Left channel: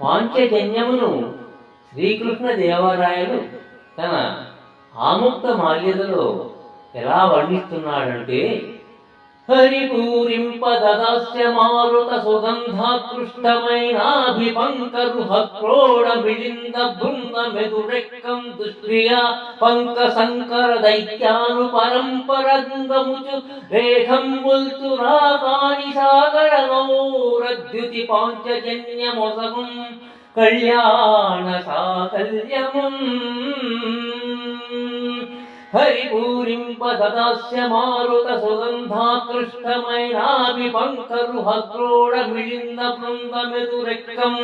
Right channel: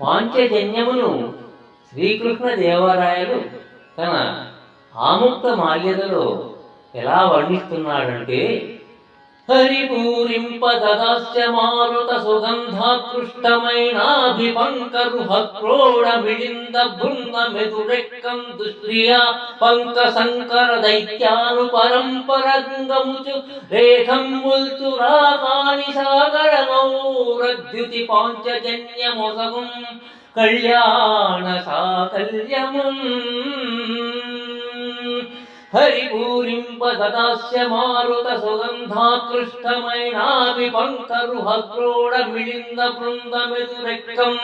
పాంచజన్యమును శ్రీకృష్ణ దేవరాయలు తన ఆముక్త మాల్యదలో ఎలా వర్ణిస్తున్నాడంటే, హరిపూరింపదదాస్య మారుత సుగంధాకృష్టమైనాభిపంకరుహక్రోడ మిళింద బృంద మెదురెక్కం దుష్ట్రియా పంక సంకర దైత్యాను పరంపరంగముచు రేఖంబుల్తు రాగాని సాగర గౌరద్యుతి పాంచజన్యమొసగుం కళ్యాణ సాకల్యముం. హరిపూరింపదదాస్య మారుత సుగంధాకృష్టమైనాభిపంకరుహక్రోడ మిళింద బృంద మెదురెక్కం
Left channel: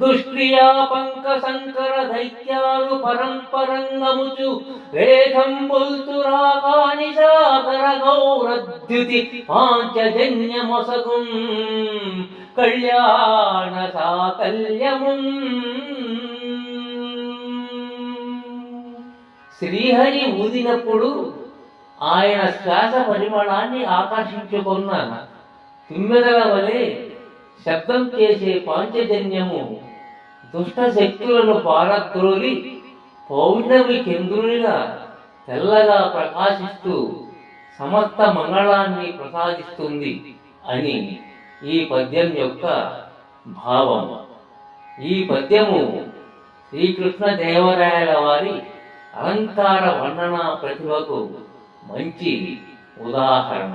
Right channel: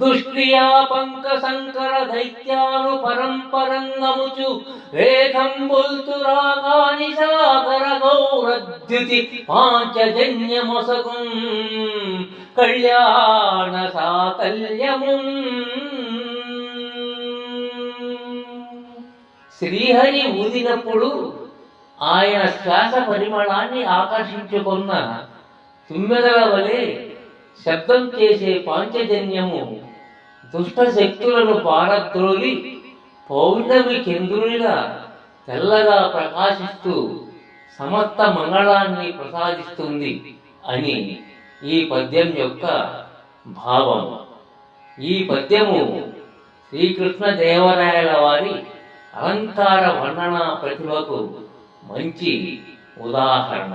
దుష్క్రియా పంక సంకర దైత్యాను పరంపరంగముచు రేఖంబుల్తు రాగాని సాగర గౌరద్యుతి పాంచజన్యమొసగుం కళ్యాణ సాకల్యముం. శ్రీహరి ఊదినప్పుడు ఆయన శ్వాస పరిమళాన్ని ఆకర్షించుకున్న తుమ్మెదల వలె శబ్దం చేసే పాంచజన్యము దుష్ట శక్తులను పారద్రోలి పౌర్ణమి చంద్రునిలా తెల్లగా ప్రకాశిస్తూ సమస్త మంగళాన్ని ప్రసాదిస్తుంది అని ఈ పద్యం యొక్క భావం. ఈ పద్యము శ్రీకృష్ణ దేవరాయల వారి అలంకార వర్ణన ప్రతిభకు మంచి ఉదాహరణ.